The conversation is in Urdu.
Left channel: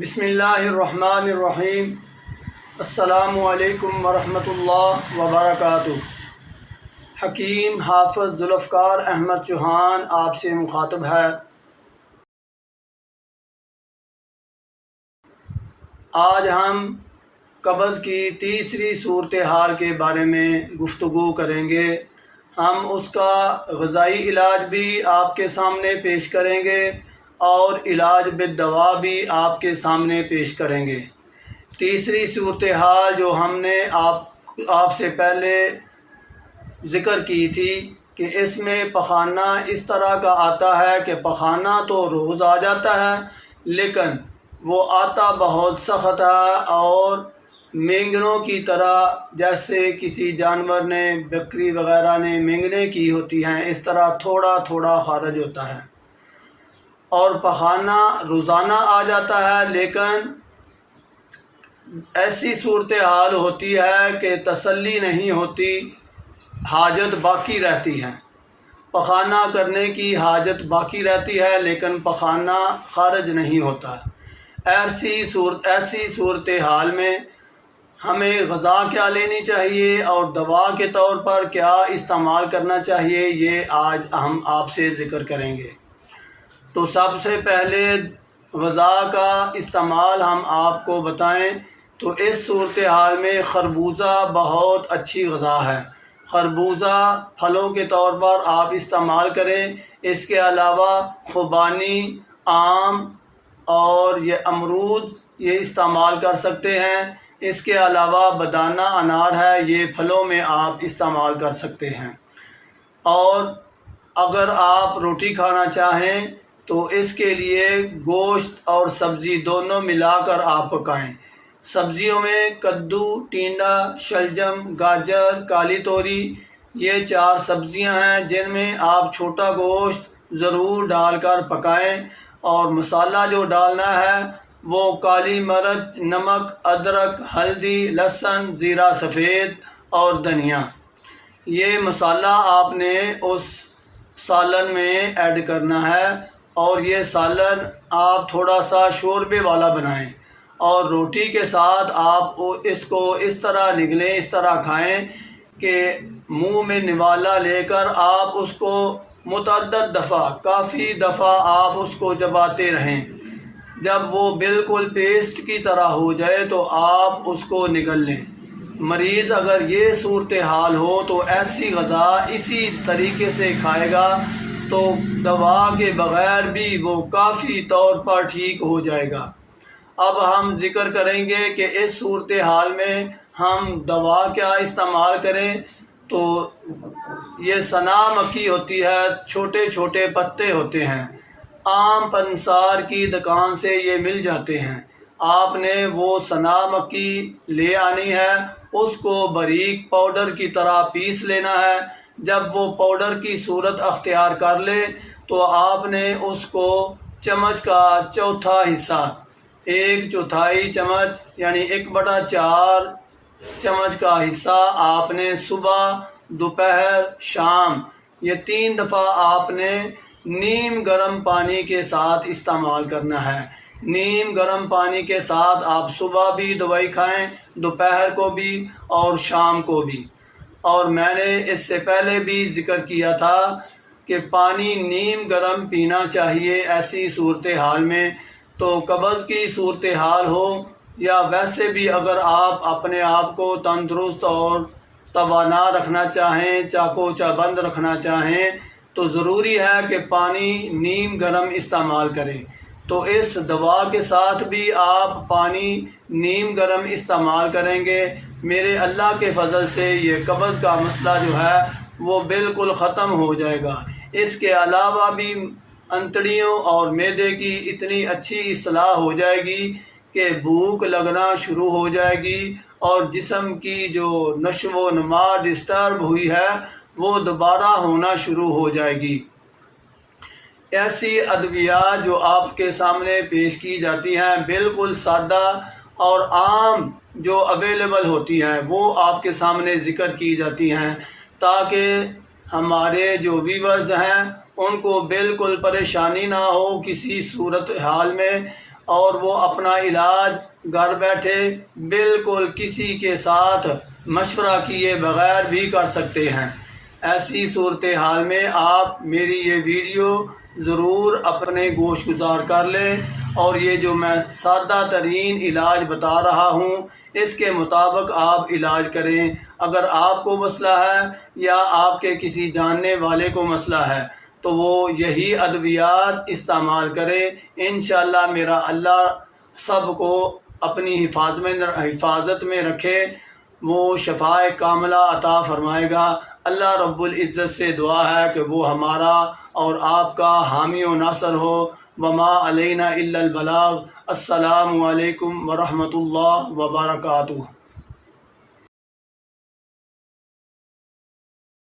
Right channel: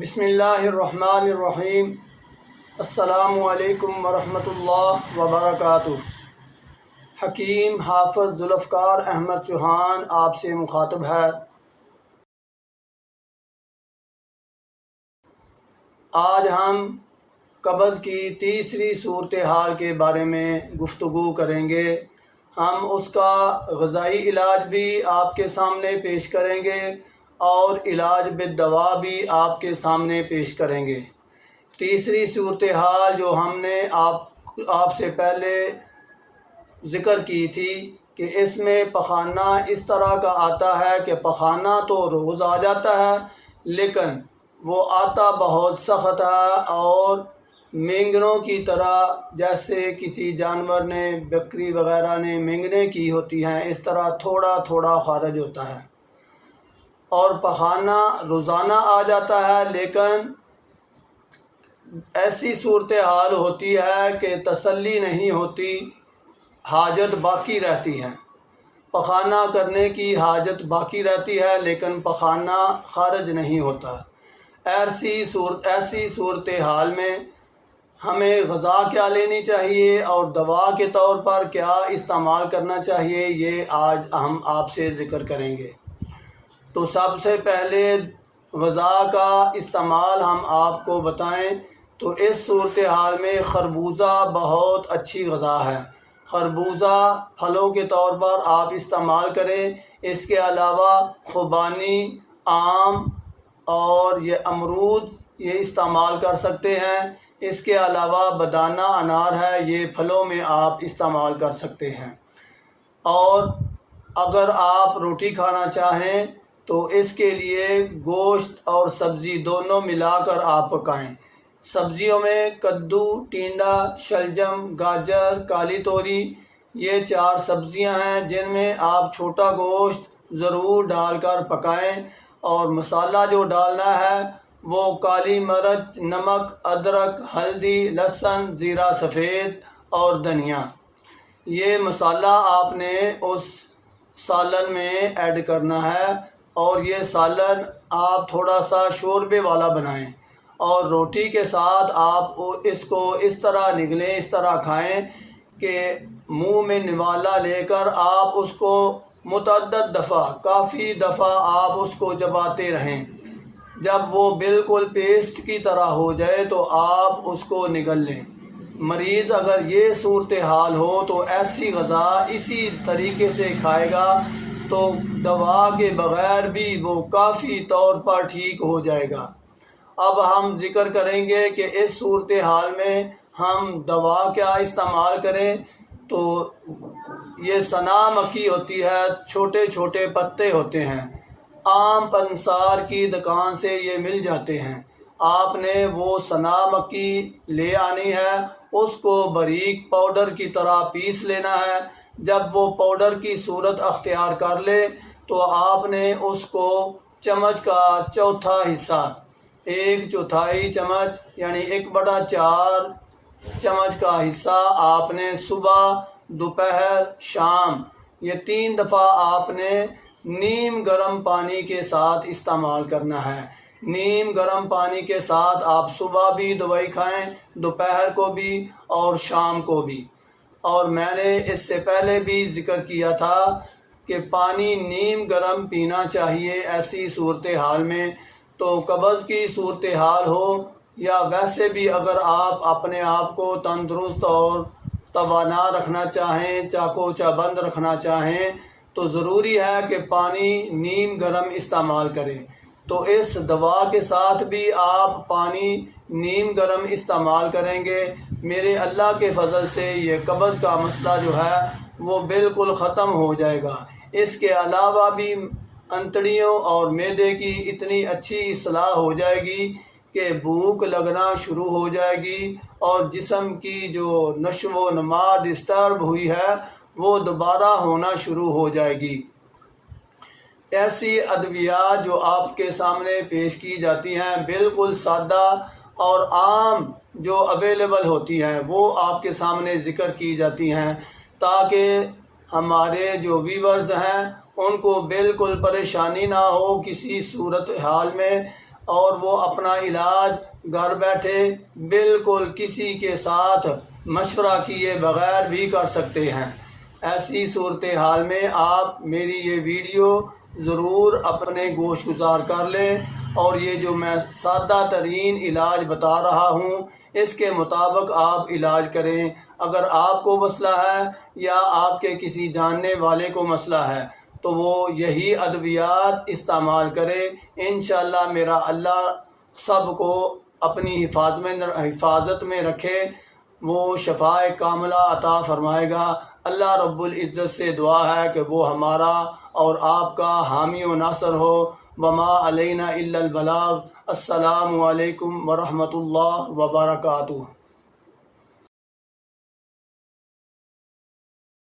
بسم اللہ الرحمن الرحیم۔ السلام علیکم ورحمۃ اللہ وبرکاتہ۔ حکیم حافظ ذوالفقار احمد چوہان آپ سے مخاطب ہے۔ آج ہم قبض کی تیسری صورتحال کے بارے میں گفتگو کریں گے۔ ہم اس کا غذائی علاج بھی آپ کے سامنے پیش کریں گے اور علاج بالدوا بھی آپ کے سامنے پیش کریں گے۔ تیسری صورتحال جو ہم نے آپ سے پہلے ذکر کی تھی کہ اس میں پخانہ اس طرح کا آتا ہے کہ پخانہ تو روز آ جاتا ہے لیکن وہ آتا بہت سخت ہے اور مینگنوں کی طرح، جیسے کسی جانور نے، بکری وغیرہ نے مینگنے کی ہوتی ہیں، اس طرح تھوڑا تھوڑا خارج ہوتا ہے اور پخانہ روزانہ آ جاتا ہے، لیکن ایسی صورتحال ہوتی ہے کہ تسلی نہیں ہوتی، حاجت باقی رہتی ہے، پخانہ کرنے کی حاجت باقی رہتی ہے لیکن پخانہ خارج نہیں ہوتا۔ ایسی صورتحال میں ہمیں غذا کیا لینی چاہیے اور دوا کے طور پر کیا استعمال کرنا چاہیے، یہ آج ہم آپ سے ذکر کریں گے۔ تو سب سے پہلے غذا کا استعمال ہم آپ کو بتائیں تو اس صورتحال میں خربوزہ بہت اچھی غذا ہے۔ خربوزہ پھلوں کے طور پر آپ استعمال کریں۔ اس کے علاوہ خوبانی، آم اور یہ امرود یہ استعمال کر سکتے ہیں۔ اس کے علاوہ بدانہ انار ہے، یہ پھلوں میں آپ استعمال کر سکتے ہیں۔ اور اگر آپ روٹی کھانا چاہیں تو اس کے لیے گوشت اور سبزی دونوں ملا کر آپ پکائیں۔ سبزیوں میں کدو، ٹینڈا، شلجم، گاجر، کالی توری، یہ 4 سبزیاں ہیں جن میں آپ چھوٹا گوشت ضرور ڈال کر پکائیں اور مسالہ جو ڈالنا ہے وہ کالی مرچ، نمک، ادرک، ہلدی، لہسن، زیرہ سفید اور دھنیا، یہ مسالہ آپ نے اس سالن میں ایڈ کرنا ہے اور یہ سالن آپ تھوڑا سا شوربے والا بنائیں اور روٹی کے ساتھ آپ اس کو اس طرح نگلیں، اس طرح کھائیں کہ منہ میں نوالا لے کر آپ اس کو متعدد دفعہ، کافی دفعہ آپ اس کو چباتے رہیں۔ جب وہ بالکل پیسٹ کی طرح ہو جائے تو آپ اس کو نگل لیں۔ مریض اگر یہ صورتحال ہو تو ایسی غذا اسی طریقے سے کھائے گا تو دوا کے بغیر بھی وہ کافی طور پر ٹھیک ہو جائے گا۔ اب ہم ذکر کریں گے کہ اس صورتحال میں ہم دوا کیا استعمال کریں۔ تو یہ سنا مکی ہوتی ہے، چھوٹے چھوٹے پتے ہوتے ہیں، عام پنسار کی دکان سے یہ مل جاتے ہیں۔ آپ نے وہ سنا مکی لے آنی ہے، اس کو باریک پاؤڈر کی طرح پیس لینا ہے۔ جب وہ پاؤڈر کی صورت اختیار کر لے تو آپ نے اس کو چمچ کا چوتھا حصہ، 1/4 چمچ یعنی 1/4 چمچ کا حصہ آپ نے صبح، دوپہر، شام یہ 3 دفعہ آپ نے نیم گرم پانی کے ساتھ استعمال کرنا ہے۔ نیم گرم پانی کے ساتھ آپ صبح بھی دوائی کھائیں، دوپہر کو بھی اور شام کو بھی۔ اور میں نے اس سے پہلے بھی ذکر کیا تھا کہ پانی نیم گرم پینا چاہیے ایسی صورتحال میں۔ تو قبض کی صورتحال ہو یا ویسے بھی اگر آپ اپنے آپ کو تندرست اور توانا رکھنا چاہیں، چاقو چابند رکھنا چاہیں تو ضروری ہے کہ پانی نیم گرم استعمال کریں۔ تو اس دوا کے ساتھ بھی آپ پانی نیم گرم استعمال کریں گے، میرے اللہ کے فضل سے یہ قبض کا مسئلہ جو ہے وہ بالکل ختم ہو جائے گا۔ اس کے علاوہ بھی انتڑیوں اور معدے کی اتنی اچھی اصلاح ہو جائے گی کہ بھوک لگنا شروع ہو جائے گی اور جسم کی جو نشو و نما ڈسٹرب ہوئی ہے وہ دوبارہ ہونا شروع ہو جائے گی۔ ایسی ادویات جو آپ کے سامنے پیش کی جاتی ہیں بالکل سادہ اور عام جو اویلیبل ہوتی ہیں وہ آپ کے سامنے ذکر کی جاتی ہیں تاکہ ہمارے جو ویورز ہیں ان کو بالکل پریشانی نہ ہو کسی صورتحال میں اور وہ اپنا علاج گھر بیٹھے بالکل کسی کے ساتھ مشورہ کیے بغیر بھی کر سکتے ہیں۔ ایسی صورتحال میں آپ میری یہ ویڈیو ضرور اپنے گوش گزار کر لیں اور یہ جو میں سادہ ترین علاج بتا رہا ہوں اس کے مطابق آپ علاج کریں۔ اگر آپ کو مسئلہ ہے یا آپ کے کسی جاننے والے کو مسئلہ ہے تو وہ یہی ادویات استعمال کرے۔ انشاءاللہ میرا اللہ سب کو اپنی حفاظت میں رکھے، وہ شفاء کاملہ عطا فرمائے گا۔ اللہ رب العزت سے دعا ہے کہ وہ ہمارا اور آپ کا حامی و ناصر ہو۔ وما علینا الا البلاغ۔ السلام علیکم ورحمۃ اللہ وبرکاتہ۔